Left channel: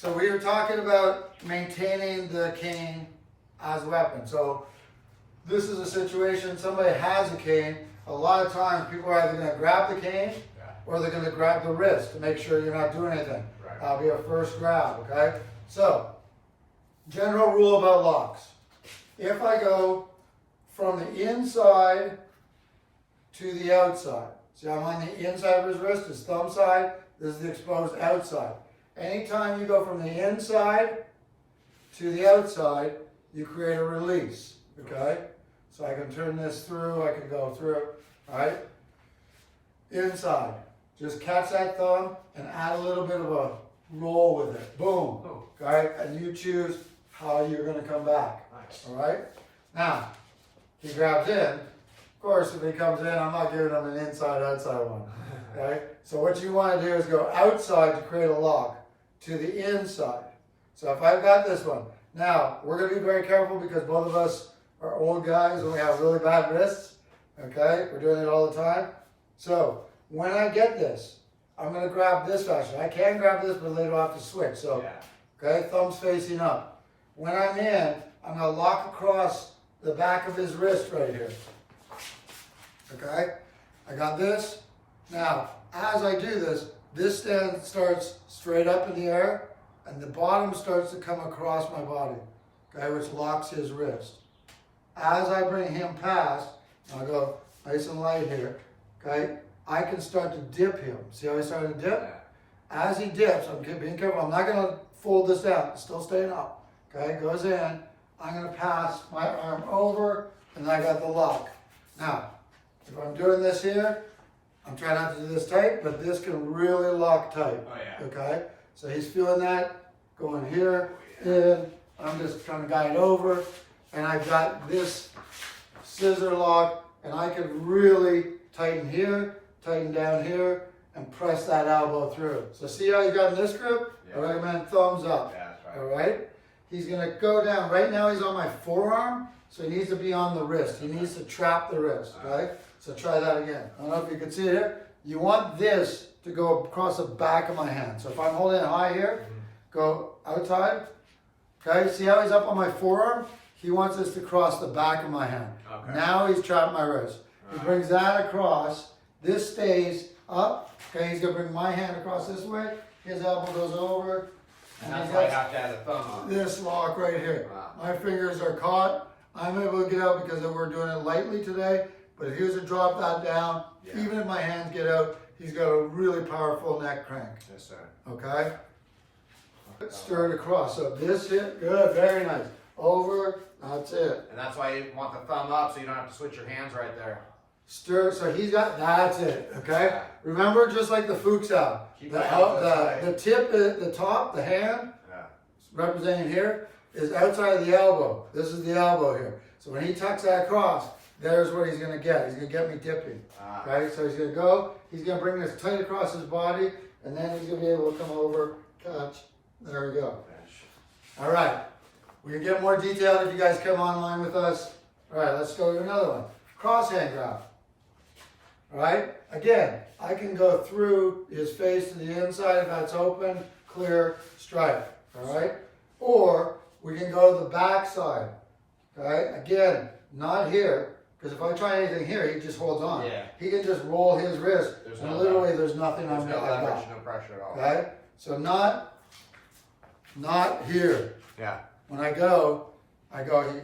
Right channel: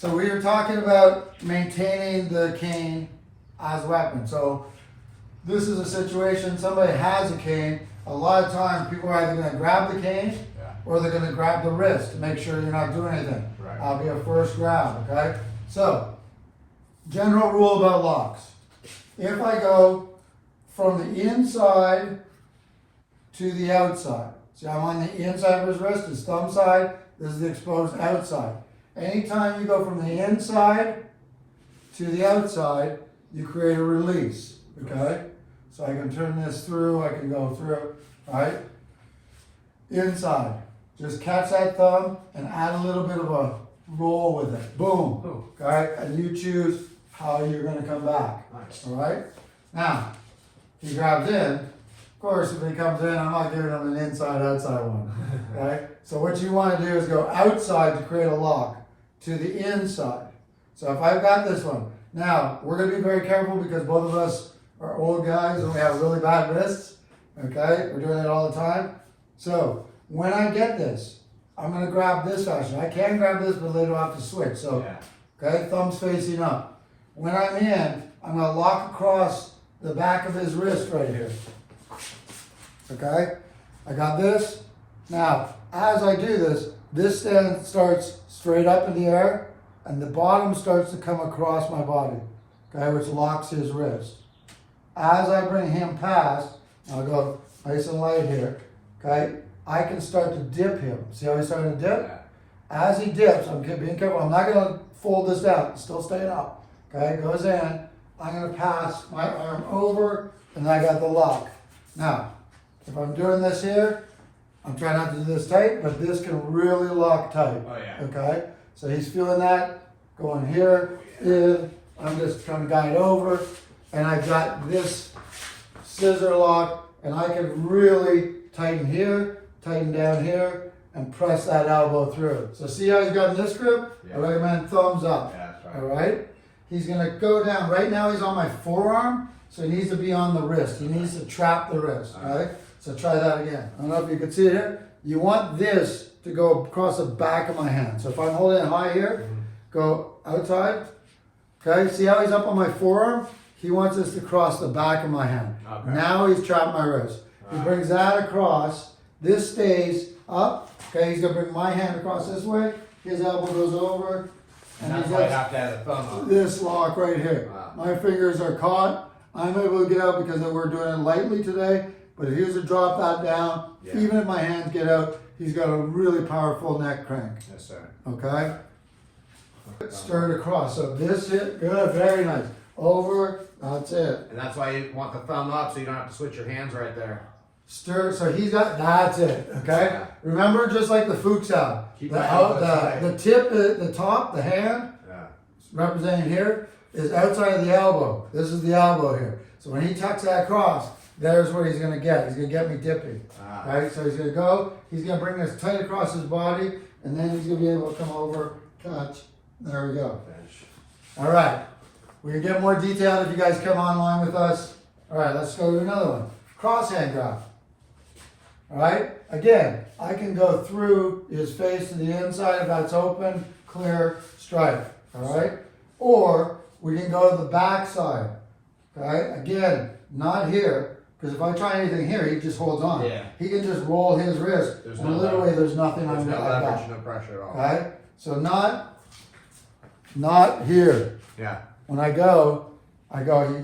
So we were talking about maintaining the cane as a weapon. So this is a situation, somebody has a cane. A lot of times people are either going to grab the cane or they're going to grab the wrist to make sure you're not doing anything. Right. That'll be a first grab, okay? So, general rule about locks. If I go from the inside to the outside, see I'm on the inside of his wrist, his thumb side, this is the exposed outside. Anytime you go from the inside to the outside, you create a release, okay? So I can turn this through, I can go through, right? Inside, just catch that thumb and add a little bit of a roll with it. Boom, okay? And you choose how you're gonna come back, all right? Now, he grabs in. Of course, if he comes in, I'm not giving him an inside-outside one, okay? So what you wanna do is go outside to create a lock to the inside. So if I've got this one, now, we're gonna be very careful because both of us are old guys and we have really bad wrists, okay? We're doing it all the time. So, when I get this, I'm gonna grab this fashion. I can grab this, but later I'll have to switch. So, okay, thumbs facing up. When I'm in, I'm gonna lock across the back of his wrist right here. Okay, I got this. Now, as I do this, this stand starts straight up in the air, and the bottom starts to come across my body, okay, which locks his wrist. As I bring him past, I'll go nice and light here, okay, I can start to dip him. See how he's starting to dip? Yeah. As he dips, I'm being careful. I'm not going to fold this down. It's still staying up. Okay, goes in. I'm going to pass my arm over, and I got the lock. Now, if I'm doing this here, I'm trying not to do this tight, but this can really lock tight. Oh, yeah. Okay, so he's feeling that going here, in. I'm just trying to guide over, and I've got this scissor lock, and I can really tighten here, tighten down here, and press that elbow through. So see how he's got in this grip? Yeah. I recommend thumbs up. Yeah, that's right. All right? He's gonna go down. Right now he's on my forearm, so he needs to be on the wrist. He needs to trap the wrist, all right? So try that again. I don't know if you can see it here. You want this to go across the back of my hand. So if I'm holding it high here, go outside. Okay, see how he's up on my forearm? He wants this to cross the back of my hand. Okay. Now he's trapped my wrist. He brings that across. This stays up. Okay, he's gonna bring my hand across this way. His elbow goes over. And that's he's why you got have to have the thumb on. this lock right here. Wow. My fingers are caught. I'm able to get out because we're doing it lightly today. But if he was to drop that down, even if my hands get out, he's got a really powerful neck crank. Yes, sir. Okay? Stir it across. So this hit, good, very nice. Over, that's it. And that's why you want the thumb up so you don't have to switch your hands right there. Stir, so he's got, that's it, okay? Yeah. Remember, just like the Fuchs out, Keep the, your hand to the side. the tip, the top, the hand, Yeah. representing here, is outside of the elbow. This is the elbow here. So when he tucks that across, there's what he's gonna get. He's gonna get me dipping. Right? So he's gonna go, he's gonna bring this tight across his body, and then he's gonna be able to come over, catch. There we go. Finish. All right. We can get more detailed if you guys come online with us. All right, let's go to another one. Cross hand grab. All right. Again, I can go through his face to the inside if that's open, clear, strike. All right. Or we can go to the back side. Okay. Again, not here, because if I try anything here, he just holds on. Yeah. He can just roll his wrist. There's And no literally, there's nothing There's on no me. leverage, no pressure at all. Okay. So not here. Yeah. When I go,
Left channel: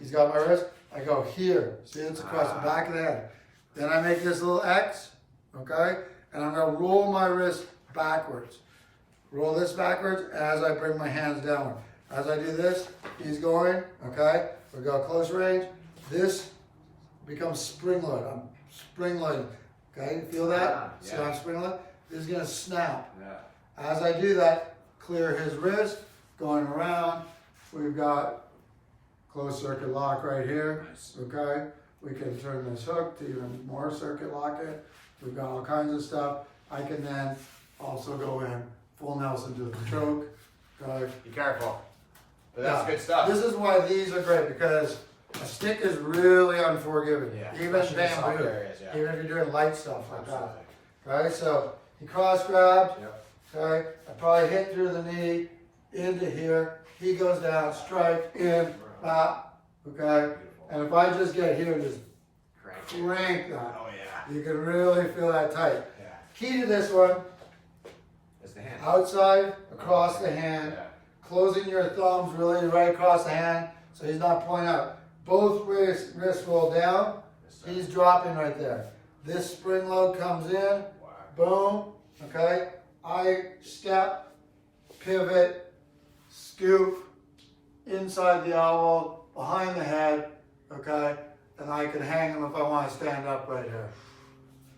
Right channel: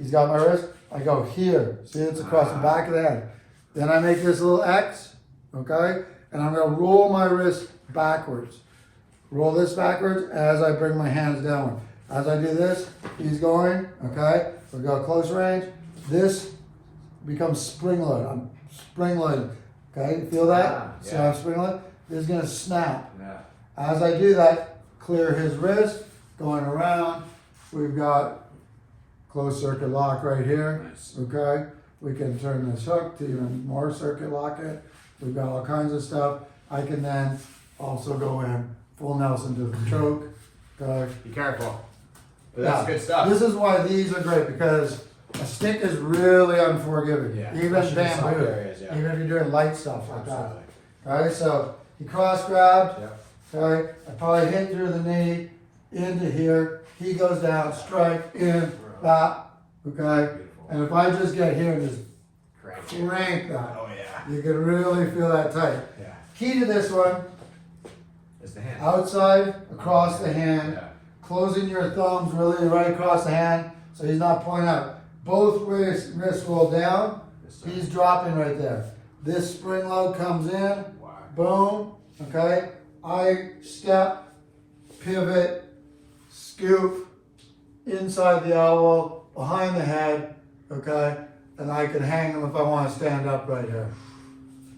he's got my wrist, I go here. See, it's across the back of the head. Then I make this little X, okay? And I'm gonna roll my wrist backwards. Roll this backwards as I bring my hands downward. As I do this, he's going, okay? We go close range. This becomes spring load. I'm spring loading, okay? Feel that? Yeah. So I'm spring loading. This is gonna snap. Yeah. As I do that, clear his wrist, going around. We've got closed circuit lock right here, Nice. okay? We can turn this hook to even more circuit lock it. We've got all kinds of stuff. I can then also go in full Nelson to the choke. Okay. Be careful. But that's Now, good stuff. This is why these are great because a stick is really unforgiving. Yeah, Even especially in side bamboo, areas, yeah. even if you're doing light stuff like Absolutely. that. Okay, so he cross grabbed. Yep. Okay, I probably hit through the knee, into here. He goes down, strike, in, bop, okay? And if I just get here and just crank that, Oh yeah. you can really feel that tight. Yeah. Key to this one, It's the hand. outside, across the hand, Yeah. closing your thumbs really right across the hand so he's not pointing out. Both wrists roll down, he's dropping right there. This spring load comes in, boom, okay? I step, pivot, scoop, inside the elbow, behind the head, okay? And I can hang him if I want to stand up right here,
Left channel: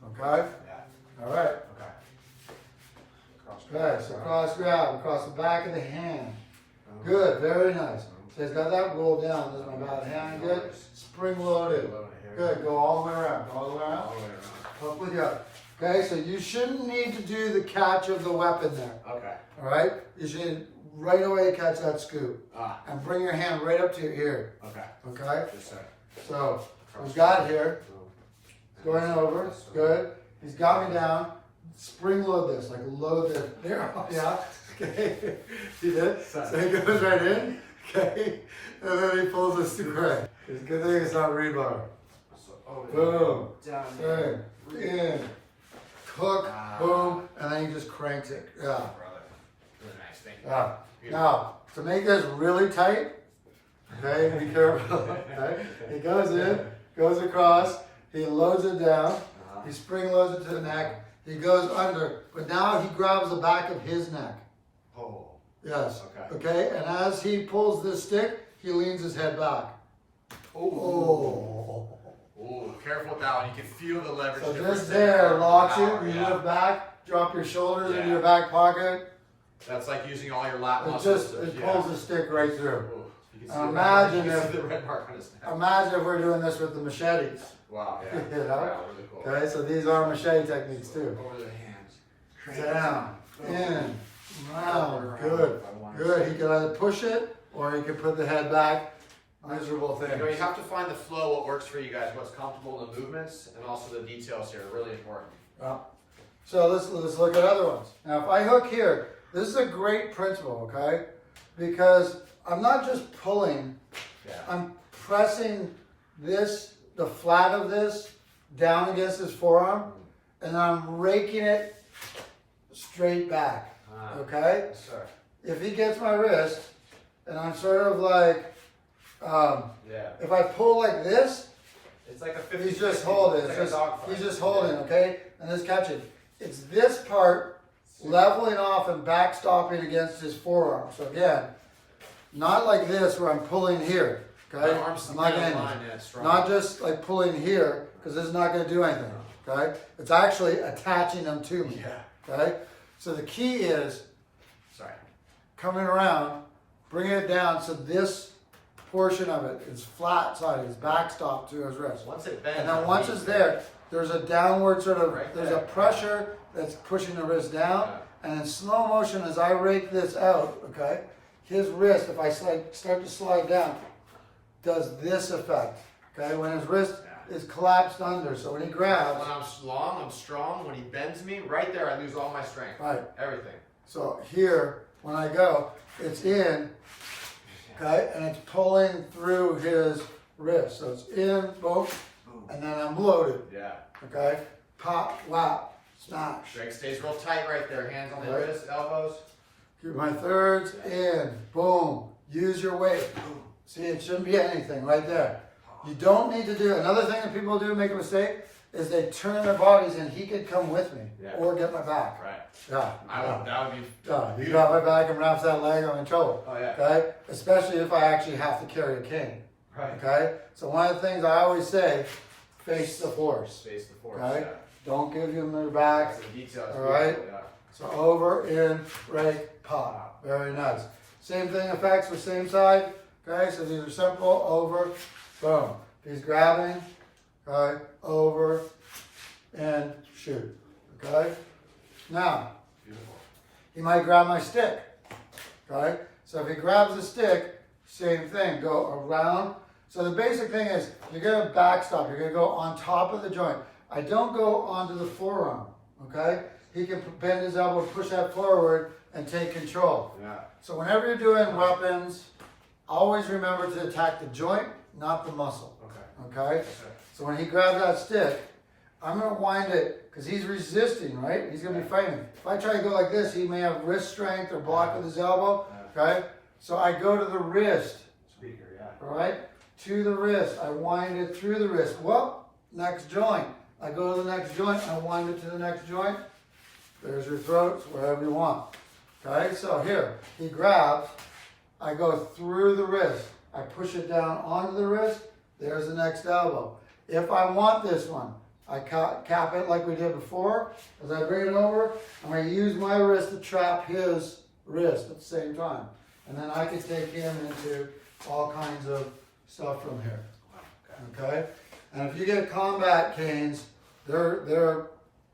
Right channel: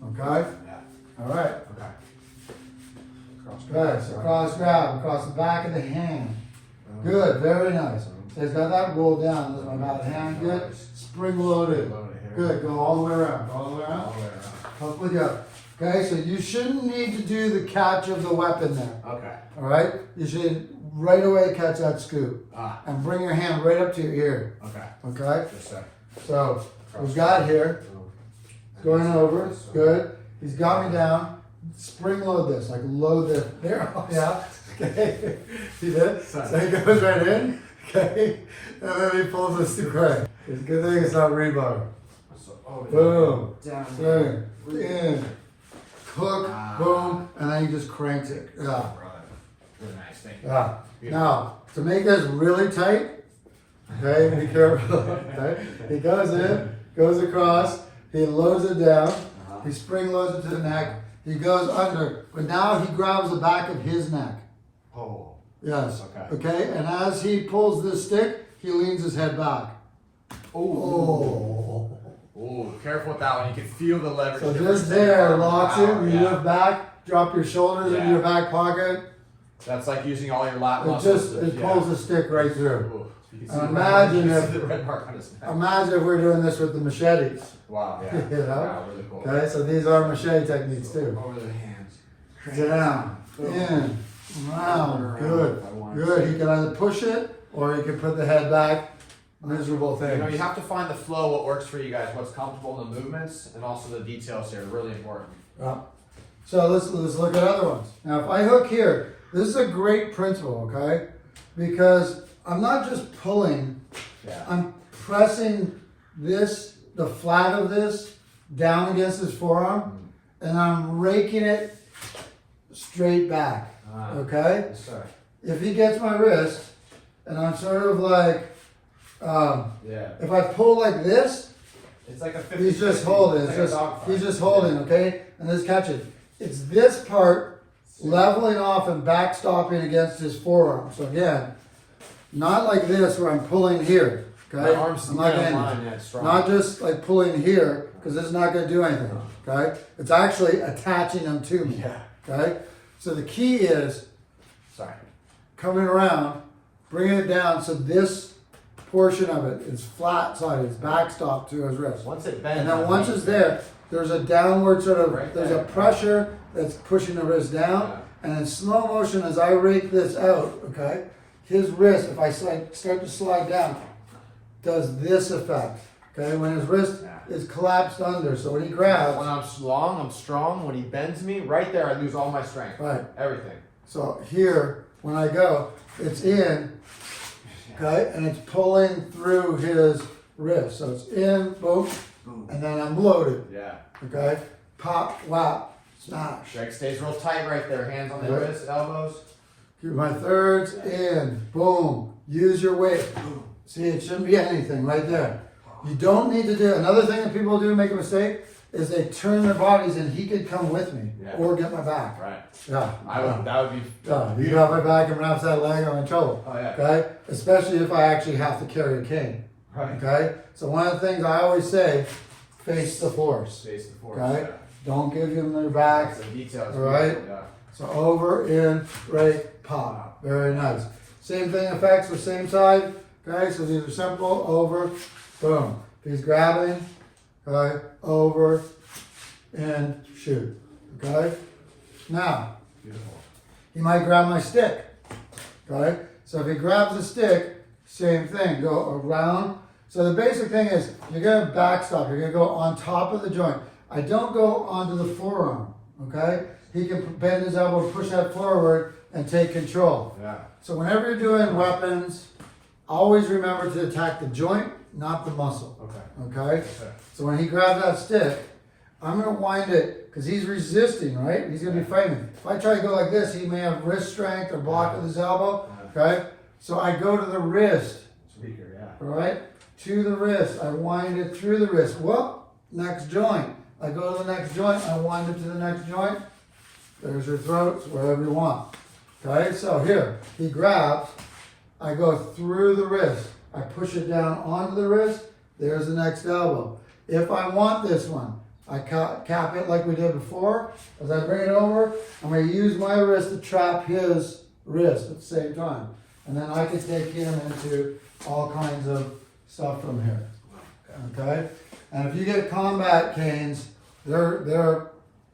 okay? Yeah. All right. Okay. Okay, so cross grab, across the back of the hand. Good, very nice. So he's got that roll down, this is my bad hand, good. Spring loaded. Good, go all the way around, all the way around. Hook with you up. Okay, so you shouldn't need to do the catch of the weapon there. Okay. All right? You should right away catch that scoop. Ah. And bring your hand right up to your ear. Okay. Okay? Just a So, we've got here, going over, good. He's got me down. Spring load this, like load this. There, yeah. Okay. See that? So he goes right in. Okay. And then he pulls us to crank. It's a good thing it's not rebar. Boom. Down In. Hook. Boom. And then he just cranks it. Yeah. Brother. Really nice thing. Yeah. Now, to make this really tight, okay, be careful. Okay? He goes in, goes across, he loads it down, he spring loads it to the neck, he goes under, but now he grabs the back of his neck. Oh. Yes. Okay. Okay, and as he pulls this stick, he leans his head back. Oh. Oh, careful with that one. You can feel the leverage. So just there, locks it, you lift back, drop your shoulders into your back pocket. That's like using all your lat It muscles. just, it pulls the stick right through. Ooh, you can see Imagine you can if- see the red mark on his neck. Imagine if we're doing this with the machetes. Wow, yeah. You know? Wow, really cool. Okay, so these are machete techniques too. Over the hands. Down, in, round, good, good. He can either push it or he can put the head back. Miserable You know, you thing. have to find the flow, what works for you guys, what's comfortable in the movements, and also the details here. Really important. So let's look at other ones. Now, if I hook here, this is a great principle, okay? Because I'm not just pulling, Yeah. I'm pressing this, the flat of this, down against his forearm, and I'm raking it straight back, okay? Yes, sir. If he gets my wrist, and I'm sort of like, Yeah. if I pull like this, It's like a 50. he's just holding. It's It's like a just, dog fight. he's just holding, okay? And just catching. It's this part leveling off and backstopping against his forearm. So again, not like this where I'm pulling here, okay? My arm's I'm not down getting- line, yeah, it's strong. not just like pulling here, because it's not going to do anything, okay? It's actually attaching them to me, Yeah. okay? So the key is Sorry. coming around, bringing it down so this portion of it is flat side, it's backstop to his wrist. Once it bends. And then once it's there, there's a downward sort of, Right there's a there. pressure that's pushing the wrist down. Yeah. And in slow motion, as I rake this out, okay, his wrist, if I start to slide down, does this effect. Okay, when his wrist is collapsed under, so when he grabs, When I'm long, I'm strong. When he bends me, right there, I lose all my strength. right. Everything. So here, when I go, it's in, okay, and it's pulling through his wrist. So it's in, boom, and then I'm loaded, Yeah. okay? Pop, whap, smash. Leg stays real tight right there. Hands on the Right. wrist, elbows. Keep my thirds in, boom. Use your weight. See, it shouldn't be anything right there. You don't need to do, another thing that people do make a mistake is they turn their bodies and he could come with me Yeah. or get my back. Right. Yeah. I would. That would be. Yeah, you got my back and wraps that leg, I'm in trouble. Oh yeah. Okay? Especially if I actually have to carry a cane. Right. Okay? So one of the things I always say, face the force. Face the force. Okay? Yeah. Don't give them their back. The details. All right. Yeah. So over, in, rake, pop. Very nice. Same thing effects for same side. Okay, so these are simple. Over, boom. He's grabbing, okay, over, and shoot. Okay? Now, Beautiful. he might grab my stick. Okay? So if he grabs the stick, same thing. Go around. So the basic thing is you're going to backstop. You're going to go on top of the joint. I don't go onto the forearm. Okay? He can bend his elbow, push that forward, and take control. Yeah. So whenever you're doing weapons, always remember to attack the joint, not the muscle. Okay. Okay? Okay. So when he grabs that stick, I'm going to wind it, because he's resisting, right? He's going to be fighting. If I try to go like this, he may have wrist strength or block with his elbow. Okay? So I go to the wrist. Speaker, yeah. All right? To the wrist. I wind it through the wrist. Well, next joint. I go to the next joint. I wind it to the next joint. There's your throats, wherever you want. Okay? So here, he grabs. I go through the wrist. I push it down onto the wrist. There's the next elbow. If I want this one, I cap it like we did before. As I bring it over, I'm going to use my wrist to trap his wrist at the same time. And then I can take him into all kinds of stuff from here. Okay? And if you get combat canes, they're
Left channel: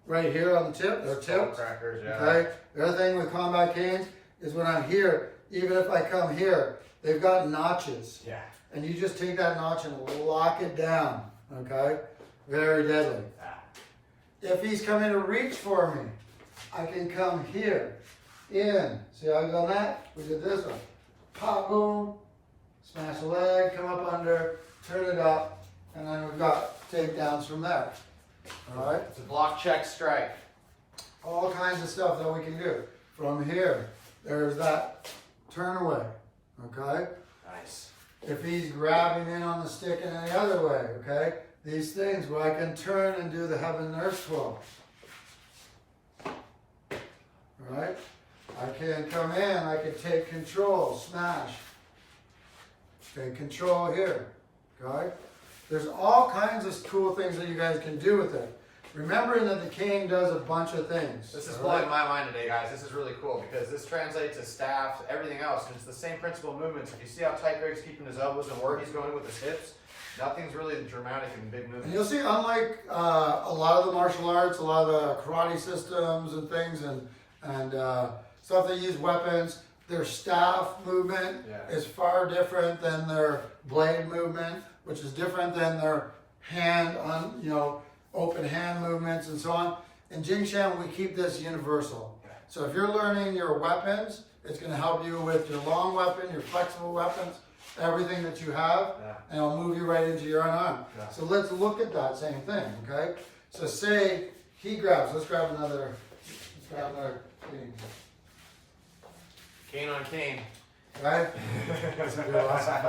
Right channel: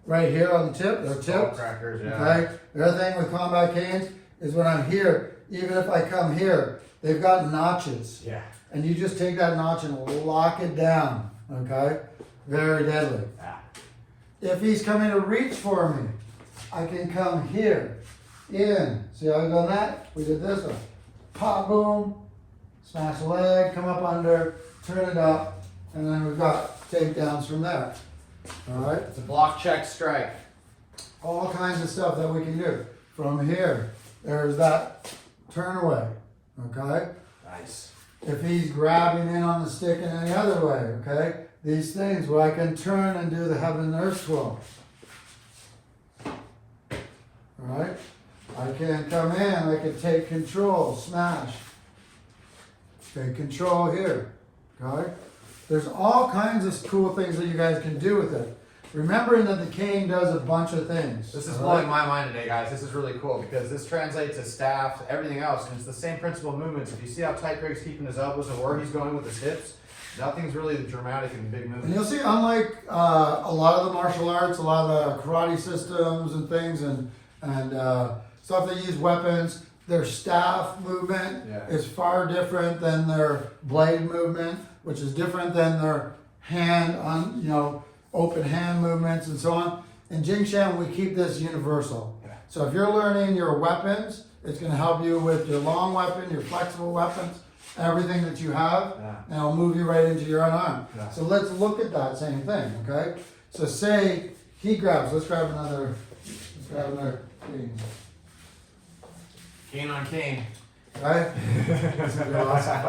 right here on the tip. They're tipped. Crackers, yeah. Okay? The other thing with combat canes is when I'm here, even if I come here, they've got notches. Yeah. And you just take that notch and lock it down. Okay? Very deadly. Ah. If he's coming to reach for me, I can come here, in. See how I done that? We did this one. Pop, boom, smash the leg, come up under, turn it up, and then we've got takedowns from there. All right? It's a block, check, strike. All kinds of stuff that we can do. From here, there's that turn away. Okay? Nice. If he's grabbing in on the stick in any other way, okay? These things where I can turn and do the heaven and earth twirl. Alright? I can come in, I can take control, smash. Take control here. Okay? There's all kinds of cool things that you guys can do with it. Remembering that the cane does a bunch of things. This is all right? blowing my mind today, guys. This is really cool because this translates to staff, everything else, and it's the same principle of movements. If you see how tight Greg's keeping his elbows and where he's going with his hips, nothing's really dramatic and big And movements. you'll see, unlike a lot of the martial arts, a lot of the karate systems and things and stuff that use weapons, their staff movement is far different than their blade movement, which is different than their hand on, open hand movements and so on. In Jingshan, we keep this universal. So if you're learning your weapons, it's going to help you with your long weapon, your flexible weapons, everything that you have, and it'll move you right into your unarmed. So let's look at that same thing, okay? So say he grabs, let's grab another thing. Cane on cane. Right? This is gonna be awesome.